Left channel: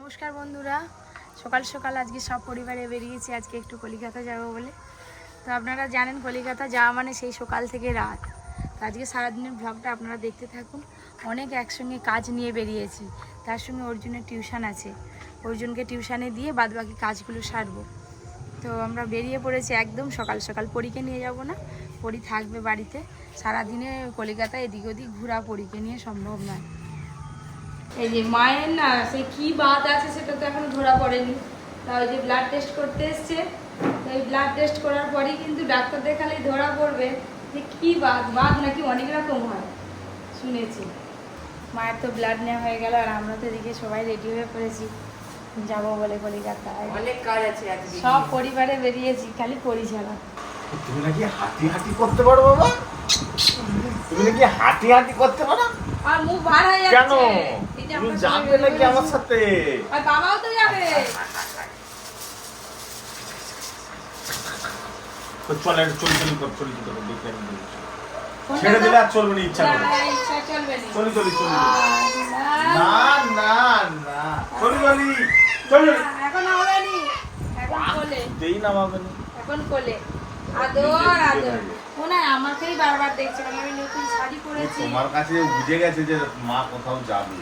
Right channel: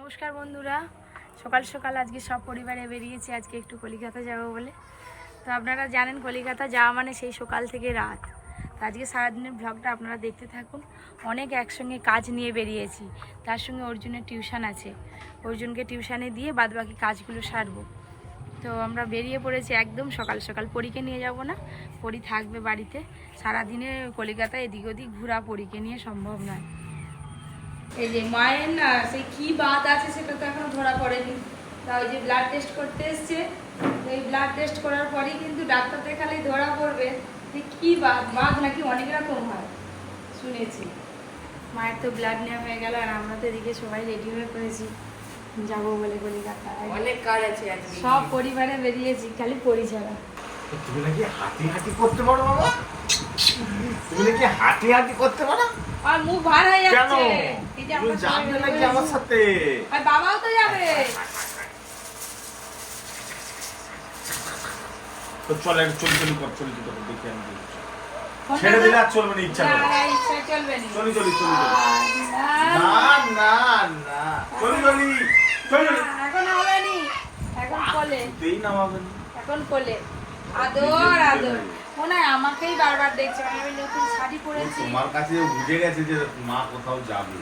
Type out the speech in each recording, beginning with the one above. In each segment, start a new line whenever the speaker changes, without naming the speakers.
নমস্কার বন্ধুরা। সকাল সকাল আজকে সব পরিবারে বেরিয়েছি, আজকে একটু কলিকাতা যাব বলে। তো আপনারা জানেন কলিকাতা যাওয়া মানে সেই সকাল থেকে রাত। তো আজকে সারাদিনের ব্লগটা আপনারা দেখতে থাকুন। অনেক একসঙ্গে কাজ নিয়ে বেরিয়েছি। তার সঙ্গে অর্জুনের টিউশন আছে। অর্জুনকে টিউশানে দিয়ে বাদবাকি কাজগুলো সারবো। তো আমরা বেরিয়ে পড়েছি একদম সকাল সকাল। পরীকে নিয়ে যাব না, পরি থাকবে বাড়িতে। সারাদিনে কলিকাতায় এদিক ওদিক ঘোরা পরীকে নিয়ে সম্ভব নয়। এই যে মায়ের না সে কি বাত আছে সেটা তো এখনও ধরা পড়েনি। তা ওই যে ব্লাড টেস্ট করতে এসছে। এই ব্লাড টেস্ট করার পরেই কিন্তু ডাক্তার দেখালেই ধরা পড়বে যে কি বাত। বাত নাকি অনেক রকম হয়। শুনেছি। মায়ের তো ব্লাড নেওয়া হয়ে গেল আর আমরা তো এদিকে সবাই রেডি হয়ে পড়েছি। যাব বলে কলিকাতা
অনেক কাজ আছে আজকে।
সব পরিবারে বেরিয়েছি খালি পরি ছাড়া
তুমি নাকি হাঁটি হাঁটি করতে পারো বাবা? তুমি নাকি হাঁটি হাঁটি করতে পারো?
আর মুখ ভার হয়ে যাচ্ছে।
যাবে নাকি আমার সাথে?
আর বাবাও তো যাবে।
তো চলে একটু চলি চলি কর চলি চলি কর দেখি আমি ছেড়ে দিলে আর চলবে না ইচ্ছা করে। চলি চলি চলি।
না,
না না। চলি চলি চলি
এখন হবে নি। এখন কোলে,
দেই না।
এখন কোলে। আদর, আদর। মনে হয় আমাকেই বারবার দেখছে আমি নতুন শাড়ি পরেছি।
তোমার কাছে বুঝে গেছে যে মা কোথাও যাবে।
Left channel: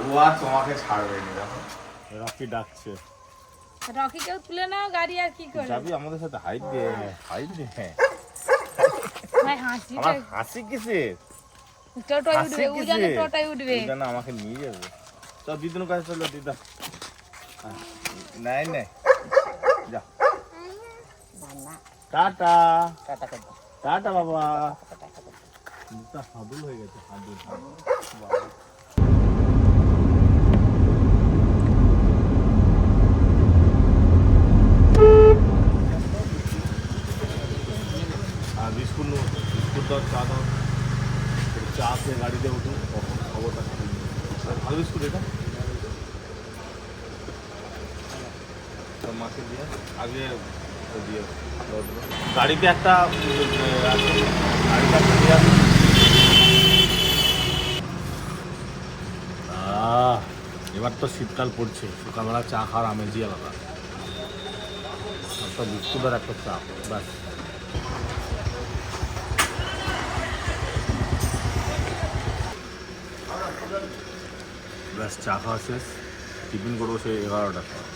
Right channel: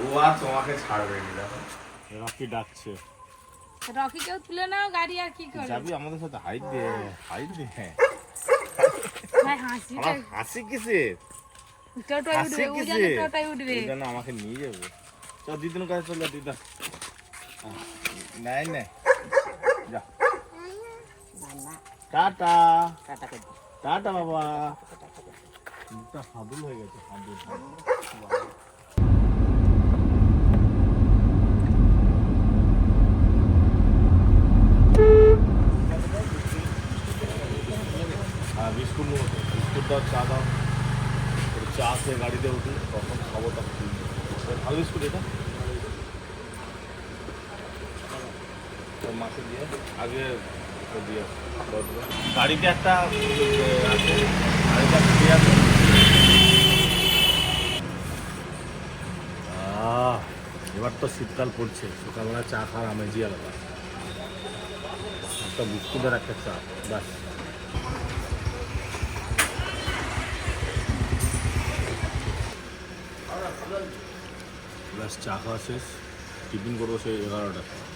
ও আর তোমাকে ছাড়বে না দেখো। রাখি ডাকছে।
রকিকেও তুলে নাও গাড়ি আর কি করে
যাবি আমাদের সাথে? হাইট দে হাইট দে। হ্যাঁ
ভাই হাসি
হাসি কিসে
টোটাই উঠবে ও
কিসে
জানে টোটাই উঠবে।
ওই জন্য আমাকে নিয়ে যাবে। চল দিদির কাছে চলো দিদা। হ্যাঁ, নাই নাই যা। টাটা। টাটা বাবা। মুখটা হাদুল হয়ে গেছে হাদুল হাদুল বাবা। আর বিস্কুট নেব তো। বিস্কুট দাও চা দাও চা খেয়ে গাড়িতে উঠি তখন খবরটা খুলবে ভালো বিস্কুট এটা? তো মাকে দিয়ে আগে দিয়ে গাড়িতে একটা আছে। গাড়িতে একটা দিয়ে আহ, এবার তো শীতকাল পড়ছে। সকালবেলা চা খাওয়ার আমেজই আলাদা। একটা বিস্কুট আর একটা চা ব্যাস। ব্যাস চা খাওয়া শেষ, টিফিন করব সেই এগারোটা সময়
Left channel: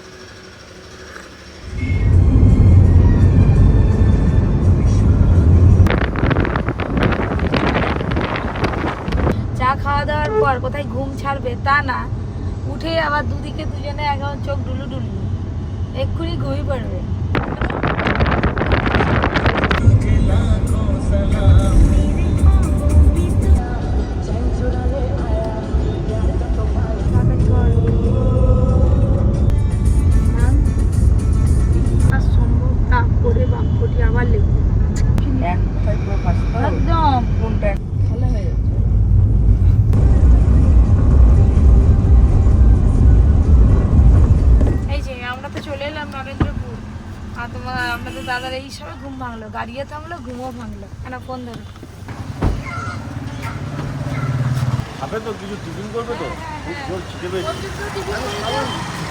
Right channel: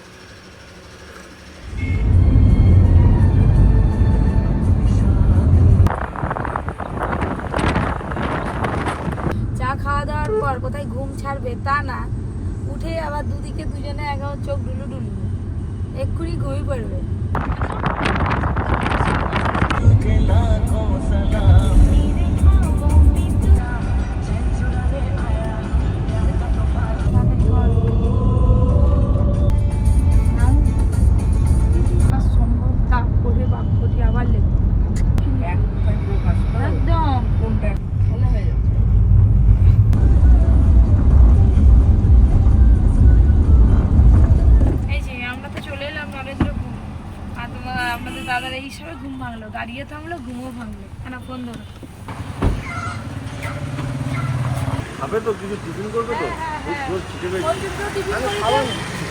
চা খাওয়া দাওয়ার পর কোথায় ঘুম ছাড়বে তা না, উঠে দুদিকে দুজনে চোখ ডুলু ডুলু। এক্ষুনি ঘুমিয়ে পড়বে। গাড়িও থামলো ঘুমও ভাঙলো। কেন ফোন ধরো।
খাবে তো কিছু টিফিন করবে তো? খুব জোর?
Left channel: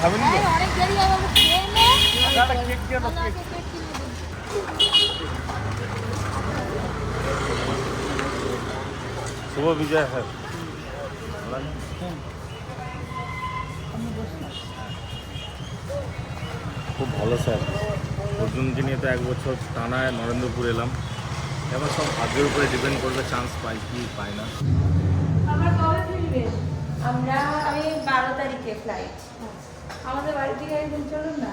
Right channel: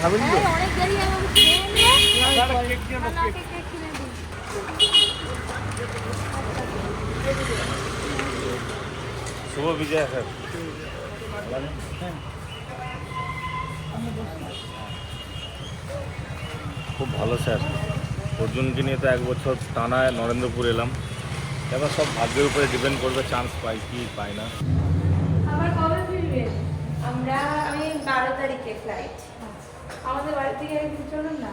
হ্যাঁ, অনেক দেরি হবে খেয়ে নে।
না, না, কেক দিও না,
না,
কেক।
কেক, কেক কিনে
শুভ বিজয় হয়। খুব ভালো স্যার। অর্জুনকে নিয়ে তো এক বছর টানায় নরেন্দ্রপুর এলাম। এবার সব ভাগ্যের উপরে ডিপেন্ড করবে চান্স পাই কি পাই না।
আবার কবে ফিরবে?
আমরা আমি বারো তারিখে ফ্লাইট
আমাদের বাড়ি থেকে একদিন চলুন না।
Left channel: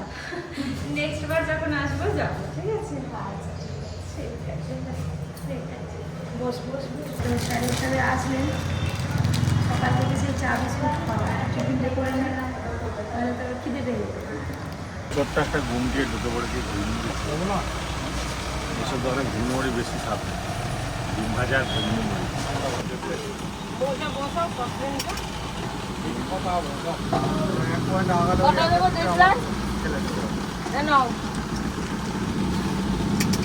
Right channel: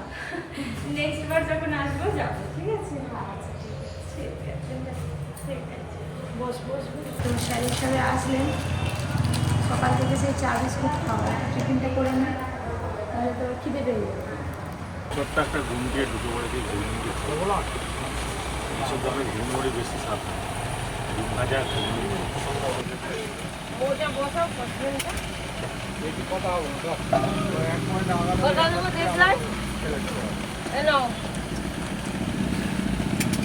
নেক্সট বার যখন আসব যাব ঠিক আছে?
আচ্ছা ঠিক আছে।
ঠিক আছে ঠিক আছে
বস বস বস তো স্যার হিসাবে আসলেন সকাল থেকে সেই চা বিস্কুট খাওয়া টিফিনটা করে নেন নাহলে তো খিদে পেয়ে যাবে।
ছোট্ট একটা ঘুম দিয়ে ঢুকে পড়েছি ঘুম দিয়ে এসব বলে ঘুম ওরই বেশি সাপ ডিম ভাজা ঘুম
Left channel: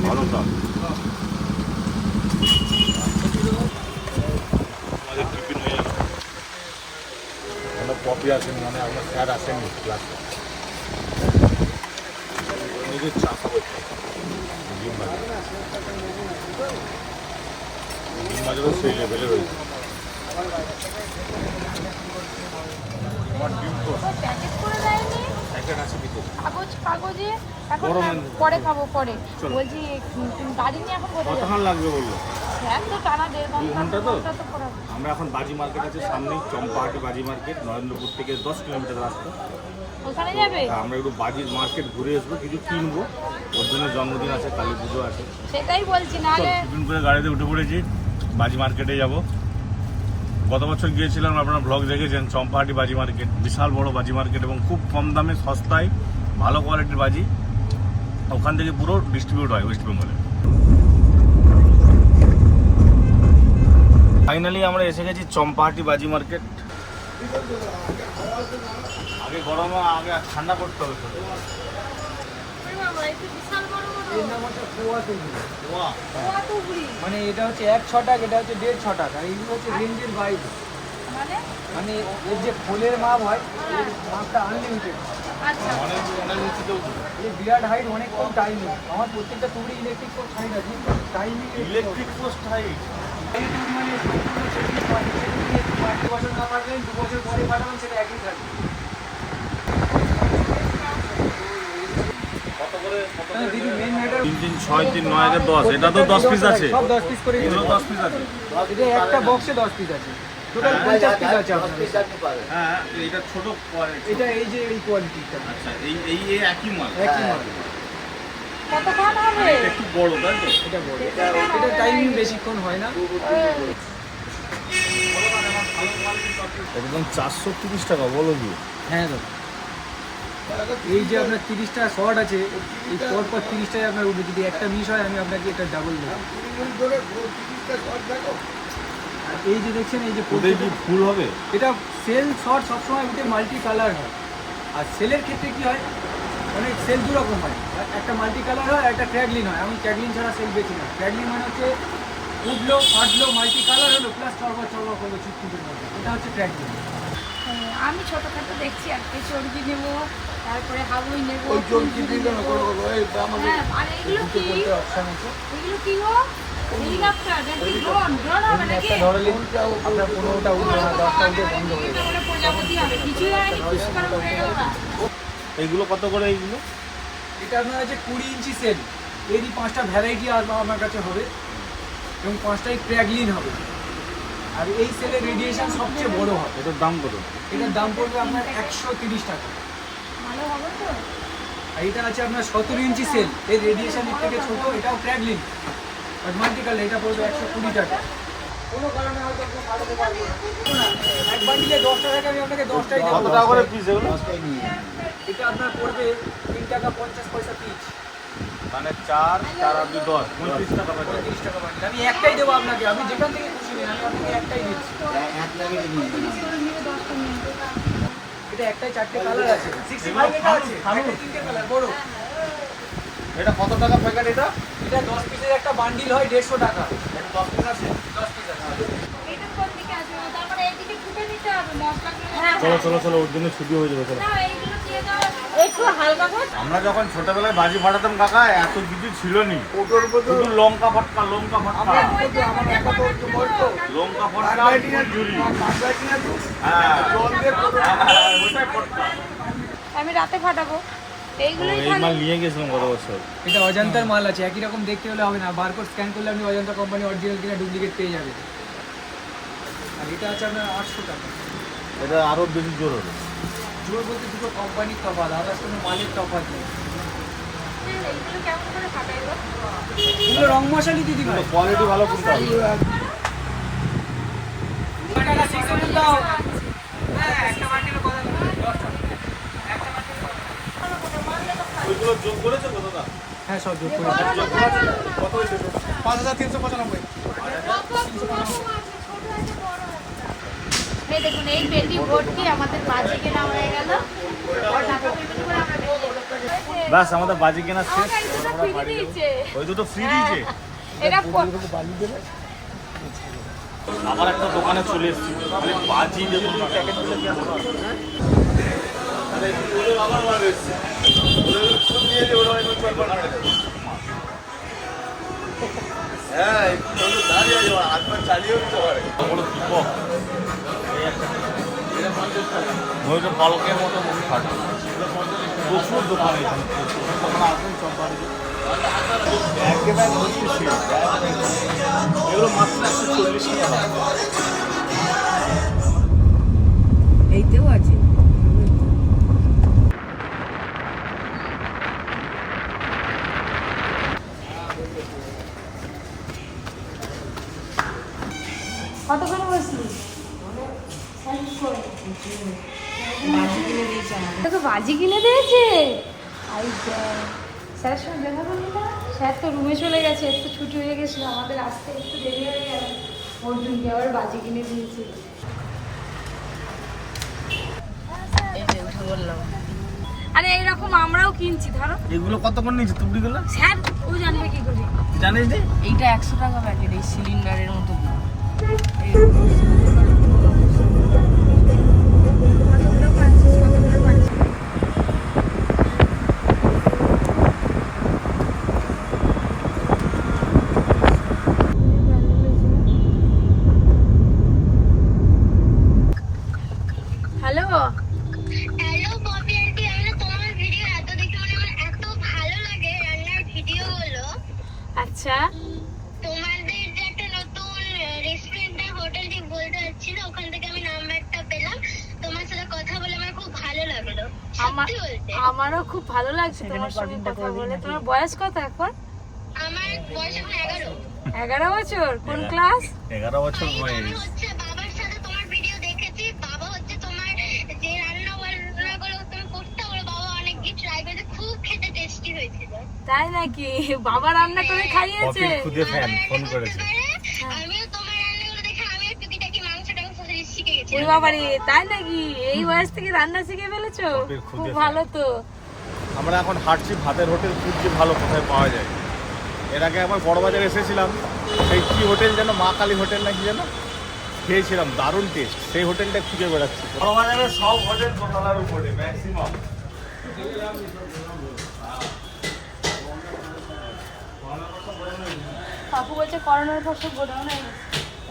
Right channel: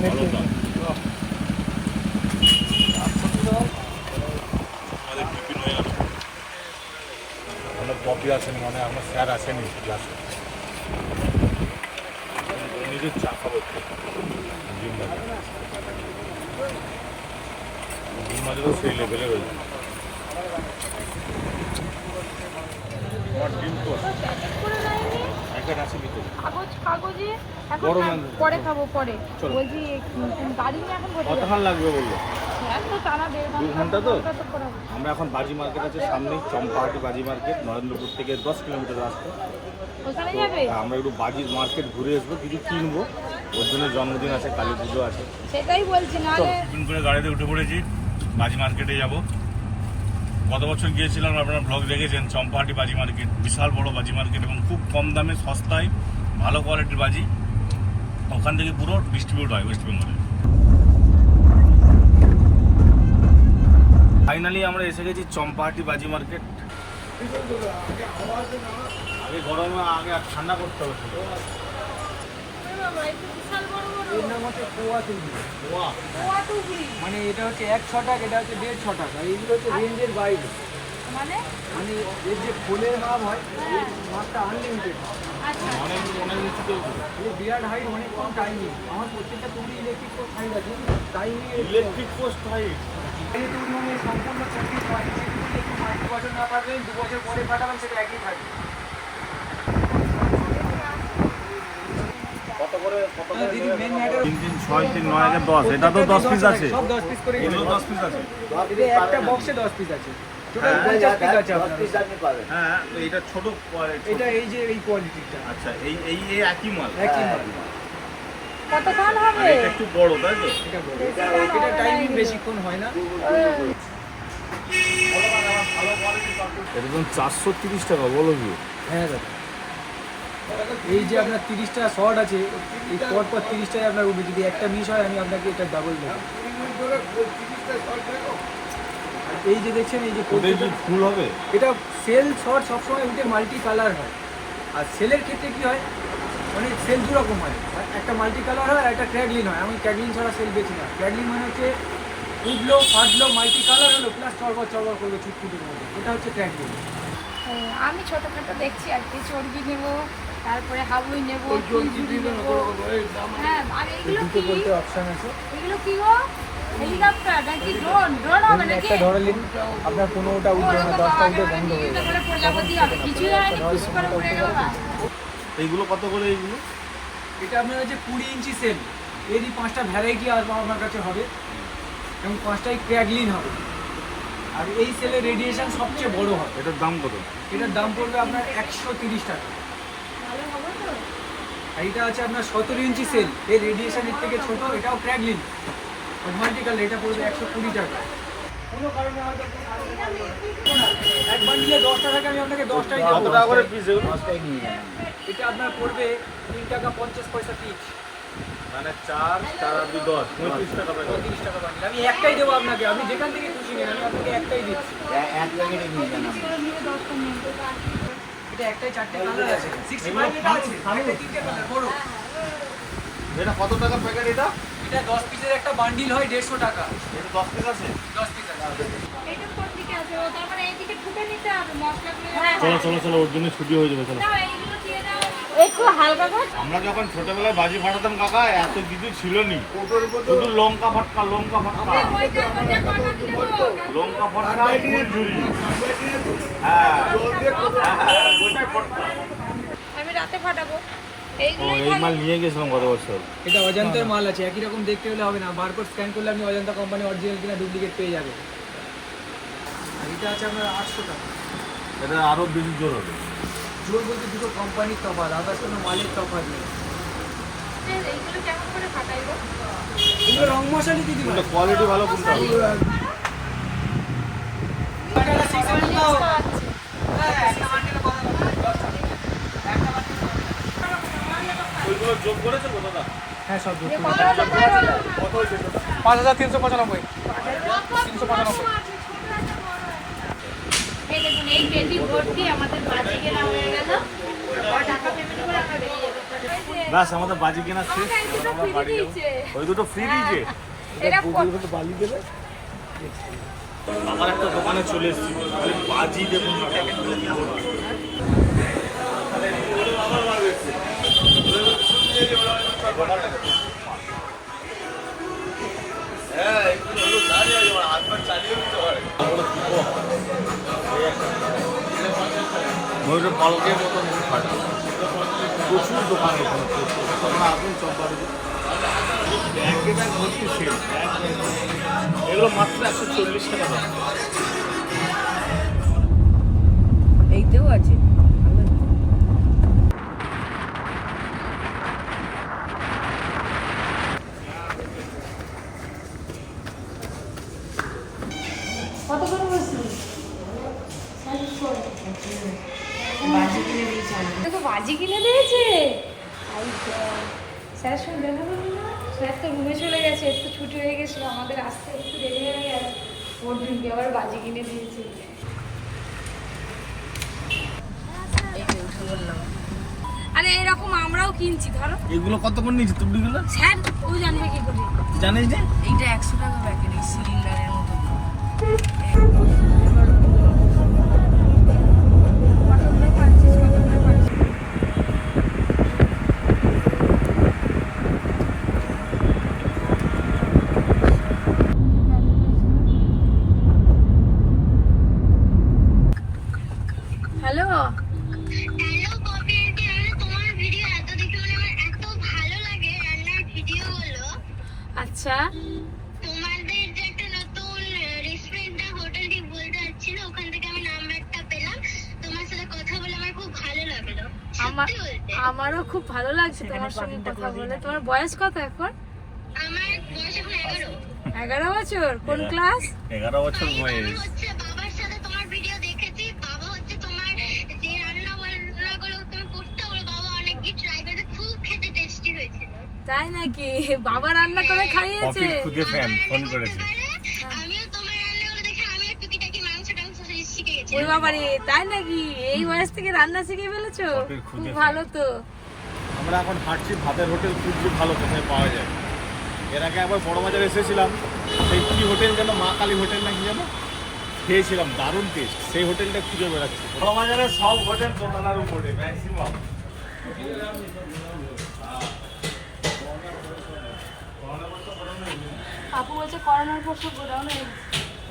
ভালো তো আমাদের টিফিন হয়ে গেল। কপি আসেনি মানে আপনার স্যার আসেনি ক্লাসে নিজের চা খাব। ডিম ভাজা ডিম ভাজারও সেই লেভেলে রয়েছে। আমার ডিম তো প্যাকেট আছে ভিতরে।
কাগজ কাগজে এখন
বড়
না, পরে খাব পরে। বলছি গাড়ি নিয়ে এখন
কতক্ষণ লাগবে বলল? দু ঘণ্টা তো? আমরা এখন বাজি মার্কেট আছে সামনেই চম্পাহাটি বাজি মার্কেট নরেন্দ্রপুর থেকে দশ কিলোমিটার রাস্তা। আমরা একটু বাজির মার্কেট ঘুরে আসব কিছু কিনবো। ওর জন্য জন্মদিন আছে কালী পুজো আছে।
সেটাই বলছি না
টিফিন করে গাড়িতে উঠে পড়েছি বাজি মার্কেটে যাব। গত বছর গিয়েছিলাম আপনারা ব্লগ দেখেছেন চম্পাহাটি বাজি মার্কেট বিশাল বড় বাজি মার্কেট এবং খুব কম দামে সস্তায় ভালো কোয়ালিটির বাজি। ওখান থেকে পুরো ডিস্ট্রিবিউট হয় ওয়েস্ট বেঙ্গলে ফাইনালি আমরা এসে গেছি চম্পাহাটি বাজি মার্কেট আগে গরম আগে ঠান্ডা করতে হবে।
মানে এটা হচ্ছে এক ছ টাকা এটা হচ্ছে দেড় ছ টাকা এইগুলো হচ্ছে রেঞ্জের বাইরে।
মানে?
মানে এর যে ফোনের মাপ হয় এর মাপটা আনলিমিটেড
আচ্ছা।
এই বিরাট হাইট অনেকক্ষণ টাইমিং আমার প্রত্যেকটা টুকরি ইলেকট্রিক হাইট আছে। টাইমিং
ইলেকট্রিক পোস্ট হাইট
মানে সেটা দিয়ে একটু না পারবেন দু বছর পরে পাঠাবেন সেটা একই থাকবে
কত করে কত
তাহলে দিদি মেন ম্যাটার
তিন তিন ছয় তিন নয় একে দশ। এটা তো দশ পিস আছে।
সব দশ পিস করে
এগুলো দশ পিস আছে।
একটা বক্সে দশ পিস আছে। টোটাল পঞ্চাশ পিস আছে আপনার
হ্যাঁ এটা ছোট
এটা এই যে এই কোয়ালিটিটা
আচ্ছা এই এই এই একই মাল?
একই মাল।
কতক্ষণ হবে?
এটা একটু বড় তাই তো?
এটা বড়। এটা টাইমিং বেশিক্ষণ হয় না।
চারশো তিরিশ টাকা বলো কি
হ্যাঁ দাদা। এই যে আপনার তিরিশটা শর্ট আছে এই পর পর তিরিশটাই আপনার উঠবে। যদি একটা মিস হয় আমি আপনাকে এটা ডাবল দেবো। এই যে দেখছেন এই যে
কি ফুল হবে?
এটা সেল শর্ট সবসময় উঠে মাল্টি কালার হয়। আর সেলের ক্ষেত্রে কি হয়? মানে সেল দু রকম হয়। একটা মাল্টি কালার হয় আর একটা ক্র্যাগলিন হয়। আমি ক্র্যাগলিন ছাড়া সেল বেছি না। ক্র্যাগলিন মানে হচ্ছে উঠল ফাটলো মাল্টি কালার হলো প্লাস চড়বর চড়বর করল চুটকুটির মধ্যে এটা হচ্ছে ক্র্যাগলিন
আমি ছোটখাটো দেখছি আর কি চর্বি নেব তারপরে হাবুই নেব ফুলঝুরি নেব। হ্যাঁ আর এগুলো কি?
বলতে অপশন আছে
এগুলো কি গো? হেলিকপ্টার নাকি ড্রোন? ড্রোন হবে নাকি?
আপনার পনেরোটা
ও,
উঠবে না
ওরকম
দশটা
হবে,
উঠবে বন্ধ হয়ে
বিভিন্ন
যাবে
করে প্রজাপতি হবে। কিছুই হয়নি খুশ করে উড়ে গেল না
এইগুলো কত করে এইগুলো?
এটা আপনার আছে কুড়ি ইঞ্চি সেল এরই পাঁচটা ভ্যারাইটি আমার কাছে হবে। এবং পাঁচটাই ক্র্যাগলিন হবে। আর এই সেলের রেডিয়েশন সবচেয়ে বড় হয়।
এটার দাম কত?
এটার দাম পড়বে আপনার একশো তিরিশ টাকা। আর এটা আছে আপনার সতেরো ইঞ্চি সেল এর রেডিয়েশন এর থেকে ছোট এটাও ক্র্যাগলিন আর মাল্টিকাল এটা পড়বে একশো কুড়ি টাকা। কোনো কারণে হয়তো। এক বান্ডিলে দশটা থাকে আমি আপনাকে দশটাই দেবো। এটা আপনার পড়বে তিন টাকা পঞ্চাশ পয়সা পিস
মানে চার চার আর দুই দশ। পঁয়ত্রিশ টাকা
পঁয়ত্রিশ টাকা আমি একটাই দেবো আপনাকে। আপনি যেখান থেকে খুশি নিন আমি আপনাকে একটাই দিচ্ছি। এটা একটাই চারটে কালার আছে। একটা তিনটে কালার বড়।
এটা কত টাকা প্যাকেট এটা?
এটা দশ পিসের একটা বান্ডিল হয় দেড়শো টাকা।
এটা দশ পিস আছে?
দশ পিস আছে।
এটা কোন দিকে আছে ও এইদিকে ঠুকে নিতে হবে মশলাগুলো
চলো চলো চলো ওর জন্য ছুটি হয়ে যাবে চলো
না এইগুলো দিয়ে দাও একটু হালকা করে
আমরা যখন ছোটবেলায় বাজি ফাটাতাম কাকা এত কিছু ছিল নি শুধু লঙ্কা ফটকা লঙ্কা ফটকা। লঙ্কা ফটকা আর হ্যাঁ। হ্যাঁ, ফটকা।
আমি রাতে ফাটাবো।
ও এই মাল নিয়ে গেছিলাম গত বছর।
এটা অজন্তার মাল আছে একই রকম দেখতে হলে হবে না। বারকোড স্ক্যান করলে আপনি অজন্তা কোম্পানি অরিজিনাল কিনা ডুপ্লিকেট পেয়ে যাবেন। আর এটা আছে আপনার আটশো টাকা।
এটা আরও বেশি জোর হবে।
জোর বলতে দুটো কোম্পানির তফাৎ আদার্স কোনো মালের তফাৎ নেই। এগুলো রং মশালি দিদি
কোয়ালিটি ভালো কিনতে হবে। ওইগুলো যোগ করেছে
হ্যাঁ সব যোগ করে পাঁচ হাজার তিনশো পঁচানব্বই। তিনশো পঁচানব্বই।
এই ভর্তি আমাদের বাজে কেনা হয়ে গেল।
ব্যাস আমাদের বাজি কেনা শেষ। আমরা বাড়ি ওই দুটো ফ্রি দিয়েছে। আবার একটা দোকানে চলে এসেছি। খালি বাজি দেখুন না। ময়ূরের পালকের মতো প্রচুর দোকান তখন আসবেন চল্লিশ
আছে
কত করে বলছি
বাজি কিনে দিয়েছে আমাকে
দেখো বাজি কিনে দিয়েছে আরে বাহ। স্যার সঙ্গে দেখা করলি না স্যার তো রুমে চলে গেছে একটু ছুটি হয়ে গেছিল আমাদের আসতে একটু দেরি হয়ে গেল অর্জুনকে আবার বাজি কিনে দিয়েছে। আরে এইরকম আমরাও কিনছি ধরো।
এগুলো কত করে নিয়েছি তুমি গুলো
স্যার ও জানবে কি করে।
জানিস যে
এইটা একশো টাকা
আমার
আমারও খুব ভালো লাগছে তোমার সঙ্গে কথা বলে। তোমার বয়স কত এখন?
আমার বয়স এখন এগারো।
এগারো বছর? কোন ক্লাস?
এগারো বছর বয়স।
বাবার সাথে তোমার ভিডিও দেখেছি। বাবা হচ্ছে তোমার যে রান্না বান্নাগুলো তুমি করতে ওগুলো বাবা অনেক কি ট্রাই করেছে। খুব খেতে টেস্টি হয়েছিল।
তাই নাকি? বাবা রান্না করে খাইয়েছে?
খুদে ফ্যান ফোন করেছে
আমিও তোমার রান্নাগুলো দেখে আমিও টুকিটাকি মাংস টাংস শিখে গেছি
ওই বাবা রে তাই নাকি? এই বয়স থেকে রান্না শিখে ফেলেছো? খুব ভালো তো।
আমরা এখন হাঁটছি ভাতের হোটেল খুঁজছি ভালো কোথায় পাওয়া যায়। এর আগে আবার বড় বাজারে এসেছিলাম সেই কি হোটেল যেন মা কালী হোটেল না কি যেন? খেয়েছিলাম দারুণ টেস্ট সেই হোটেলটা খুঁজে বেড়াচ্ছি। বড় বাজারে সব হোটেল দোতলার উপরে ম্যাক্সিমাম
কাকু বলছে করোনার পর সব গোডাউন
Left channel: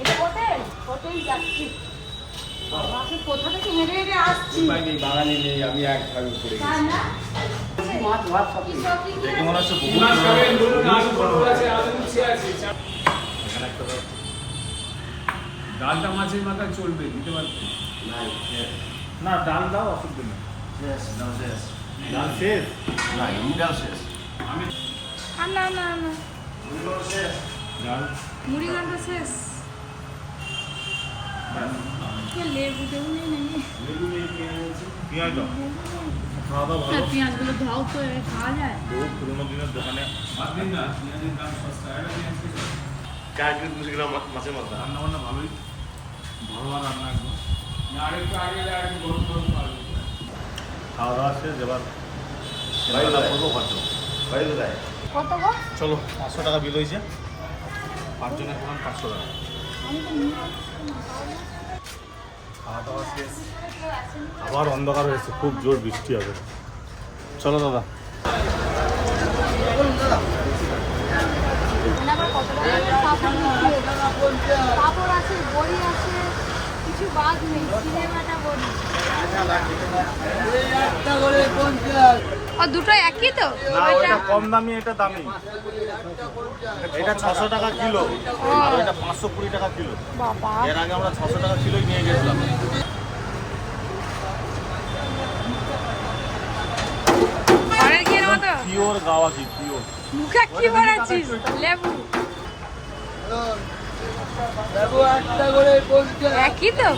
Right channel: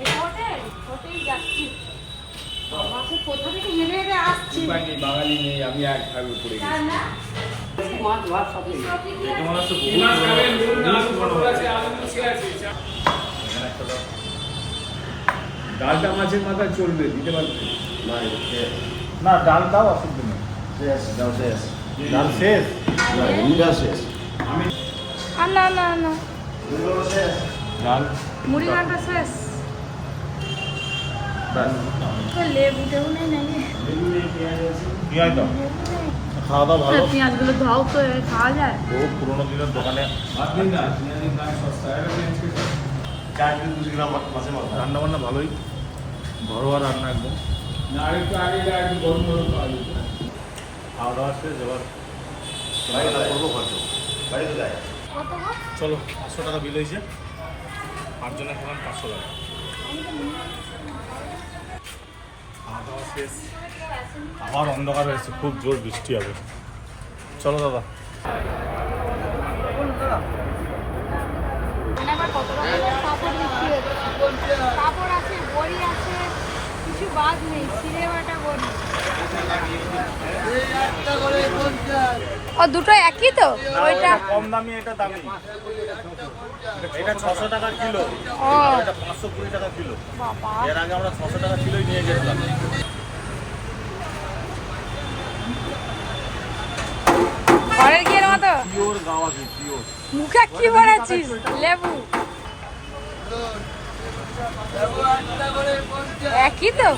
এটা হোটেল? হোটেল যাচ্ছি কোথা থেকে হেঁটে হেঁটে আসছি?
বাঙালি নেই আমি এক ভাবে উপরে
তাই
মাছ ভাত সব
মনে হচ্ছে বহু পুরনো পুরনো হোটেল। এখানে একটা লোক-
ডালটা মাছের মাথায় চলবে দিতে পারবে?
না ডাল দাও অসুবিধা নেই। ডাল শেষ।
আর না না না।
ডাল।
মুড়ি ঘণ্টা শেষ।
খাওয়া দাওয়া ভালো?
পেঁয়াজগুলো তো এ খাওয়া যায়?
বহু পুরোনো দিনের দোকানে। রান্না বান্না ভালোই। ঘরোয়া রান্না একদম। খাওয়া দাওয়া শেষ এবার চলো পাঁচশো টাকা বিল হয়েছে। পাঁচজনের খাবেন পাঁচশো টাকা। আবার অন্ধকার হয়েছে খুব জোর বৃষ্টি হবে। চলো দাদা।
মানে পাপড় আছে বড়ি আছে কিছু বাদ নেই বড়ি ও দুটো একই তো? ওইটা
কম দামি এটা দামি। এটা ছশো টাকা কিলো।
ও।
এটা টাকা কিলো।
বাবা।
এর আগে আমরা ছশো টাকা কিলোই নিয়ে গেছিলাম।
ঘরের ঘিয়ের মতো?
পিওর গাওয়া ঘি পিওর।
মুখে কি বানাচ্ছিস লেবু। একই তো?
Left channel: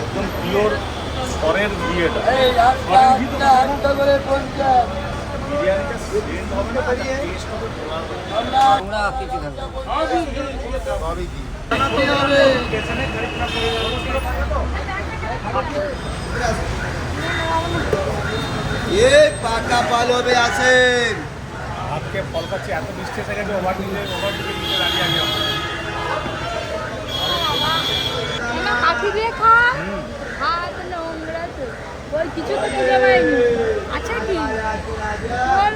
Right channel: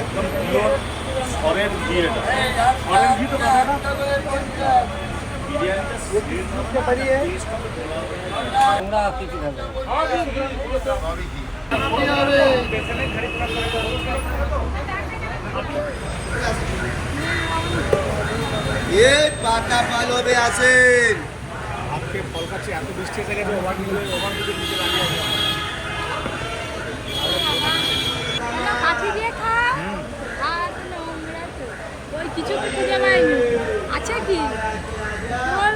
একদম পিওর সরের ঘি তো
আমরা কিছু খাব
এ পাকা পালবে আছেন
ফল খাচ্ছি এত বৃষ্টি এসে গেছে ওভার দিকে ওভার দিকে নিচে দাঁড়িয়ে আছি
কিছু তো খুঁজে পাইনি। আচ্ছা কি? ওর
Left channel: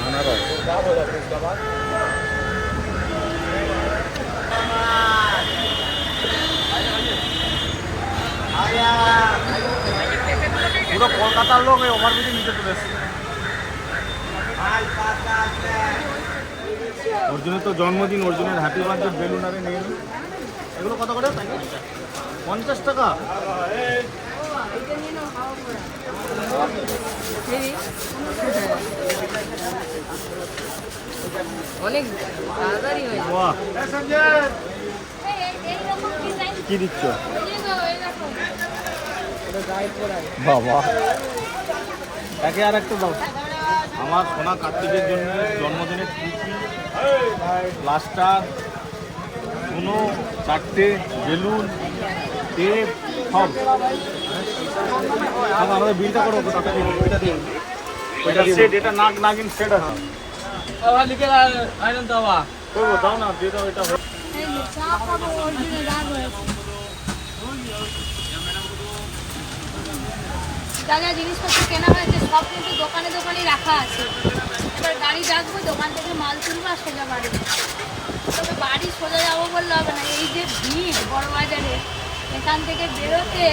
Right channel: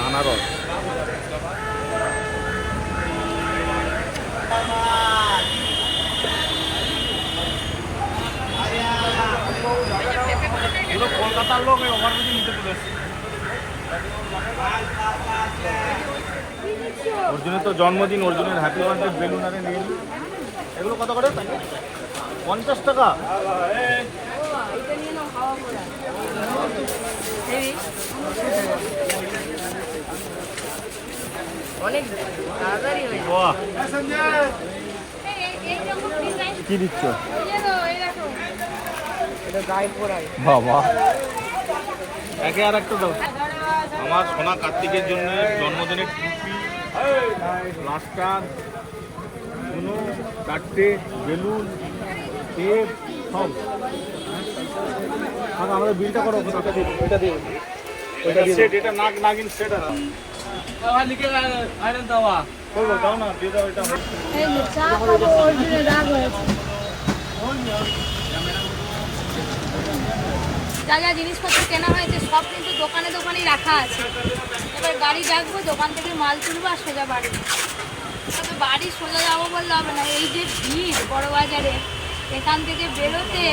আনারস পুরো কলকাতার লোক এই ওভারব্রিজে নিতে চলে এসছে। অর্জুনের তো জন্মদিন অর্জুনের হ্যাপি বার্থডে বেলুন আরে নিয়ে এগুলো কত করে? পঞ্চাশ টাকা?
অনেক তাড়াতাড়ি হয়ে
কি দিচ্ছ
দিয়ে দাও এরকম
এটা গায়ে পড়ায়
বাবা। একে আর একটা দাও। আমার সোনা কার্তিকের জন্য জন্মদিনের টুপি প্লাস্টার কোনো চারটে বেলুন টেপ সব। আমাদের বিলটা করো টাকা দিয়ে ওইটা দিয়ে ওইটা সেট এটা নাক নাগিন সেট হ্যাঁ।
আবার লিখে আয়রন দেওয়া
দাও না দিয়ে দাও এটা
যে যা জিনিসপত্র কেনা হয়েছে সব কিন্তু দোকানে দোকানেই রাখা আছে। এবার গাড়ি ডাকবো দোকান থেকে মাল তুলবো আর সোজা বাড়ি। তবে বাড়ি সোজা যাব বললে হবে না এই যে ভিড় বড় বাজারে এখান থেকে বেরোতে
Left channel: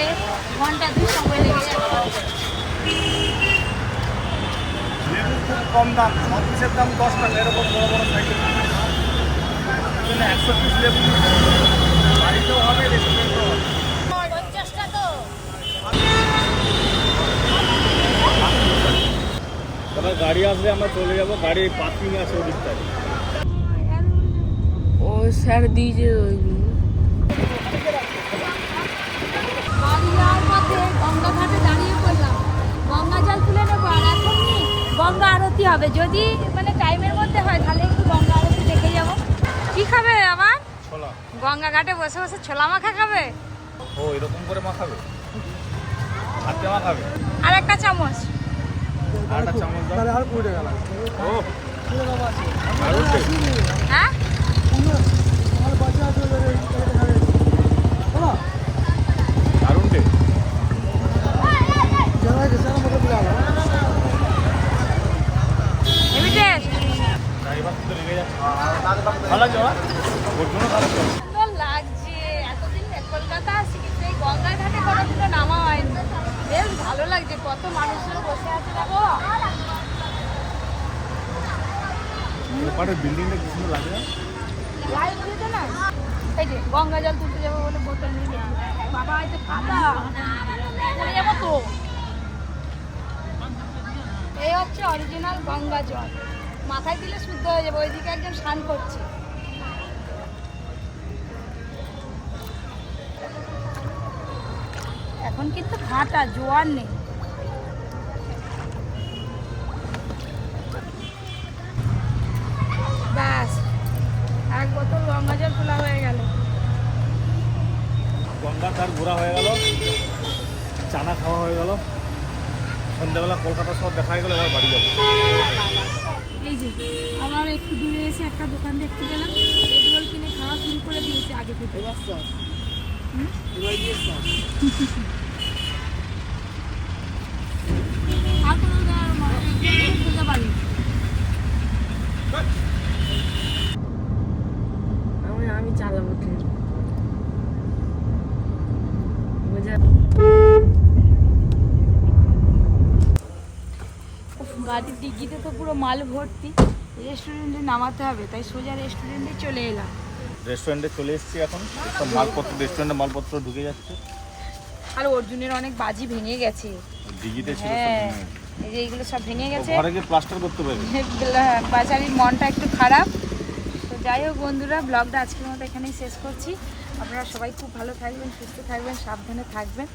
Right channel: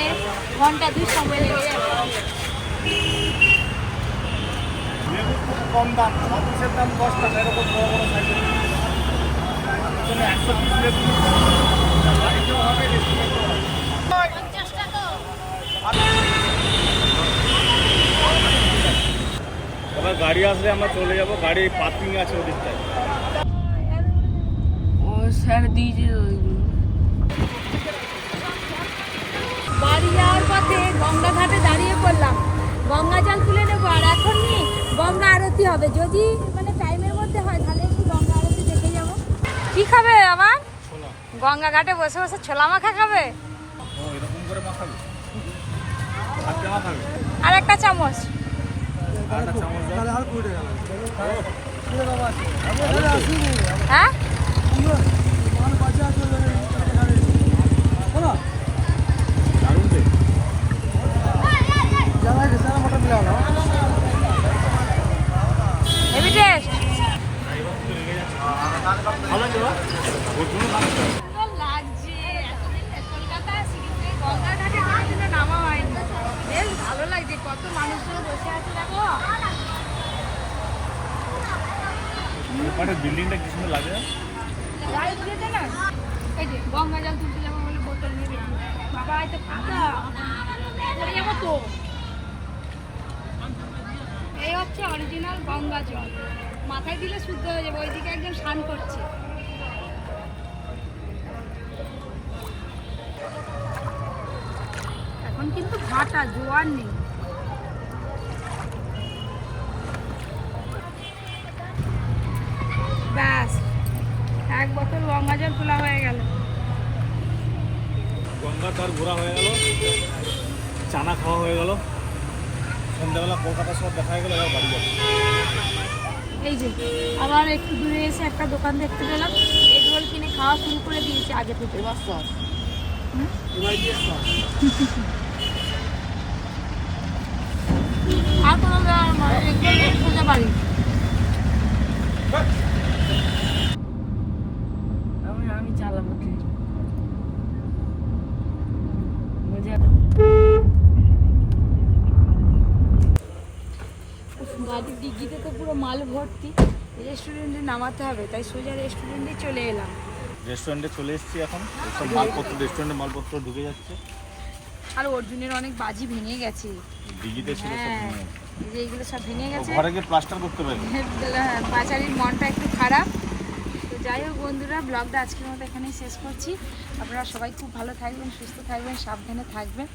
ঘণ্টা দুই সময় লেগে যাবে।
লেবু খুব কম দাম ছ পিসের দাম দশ টাকা এরকম বড় বড় সাইকেল জন্য একশো পিস লেবু বাড়িতেও হবে রেস্টুরেন্টেও হবে। এবার গাড়ি আসলে আমরা চলে যাব গাড়ি পার্কিং আছে ওদিকটায়।
ও স্যার দিয়েছে ওইগুলো
বাড়ি যাওয়ার পথে গঙ্গা ঘাটে দাঁড়িয়ে পড়লাম। গঙ্গা জল তুলে নেব আর এখন নি গঙ্গা আরতি হবে। যদি মানে টাইমের মধ্যে হয় তাহলে একটু গঙ্গা আরতি দেখে যাব। কি খাবে আবার?
ছোলা।
গঙ্গা ঘাটে বসে বসে ছোলা মাখা খাবে?
ও এরকম করে মাখাবে?
আর একটা চামচ।
আরেকটা আর কুড়ি টাকা লাগবে।
হ্যাঁ
দারুণ taste।
হেভি টেস্ট
ভালো লাগছে না? ওর জন্য ভালো লাগছে।
লাগছে এতদিন কলকাতা আসি কিন্তু এই গঙ্গা ঘাটে কোনোদিনও নামা হয়নি বেশ ভালো লাগছে কত মানুষগুলো বসে আছে দেখো
এপারে বিল্ডিংটা কি সুন্দর লাগে?
লাইট না? এই যে গঙ্গা জল তুলতে যাব বলে বোতল নিয়ে যাব তো। এই হচ্ছে অরিজিনাল গঙ্গা জল। মাথায় দিলে শুদ্ধ হয়ে একজন স্নান করছে। এখন কিন্তু ভাটা জোয়ার নেই ব্যাস এক বোতল গঙ্গা জল তোলা হয়ে গেল
গঙ্গা তার ঘোরা হয়ে গেল চানা খাওয়া হয়ে গেল। সন্ধ্যাবেলা কলকাতা শহর দেখা হয়ে গেল এবার বাড়ি যাব।
এই যে আবার একটু দূরে এসে একটা দোকান দেখতে পেলাম। এগ রোল কিনে খাওয়া শুরু করে দিয়েছি আগে থেকে।
এবার সস
আর কোনো করে সোজা বাড়ি
আমি আমি চালাবো ঠিক মজা
গাড়ির ডিগিতে তো পুরো মাল ভর্তি। রেস্টুরেন্টে নামাতে হবে তাই সোজা রেস্টুরেন্টে চলে এলাম।
রেস্টুরেন্টে চলে এসেছি এখন। সব মালপত্র রেস্টুরেন্টে মালপত্র ঢুকে যাচ্ছে।
আর অর্জুনের অনেক বাজি ভেঙে গেছে।
দিঘিতে ছিল সব
হ্যাঁ
ভেঙে
এই যে এইগুলো সব ভেঙে গেছে।
ঘরে গিয়ে প্লাস্টার করতে পারবে।
বাজারের মনটা একটু খারাপ। তো যাই হোক বন্ধুরা ব্লগটা আজকের মতো এখানেই শেষ করছি। আপনারা সবাই খুব ভালো থাকবেন সুস্থ থাকবেন সাবধানে থাকবেন।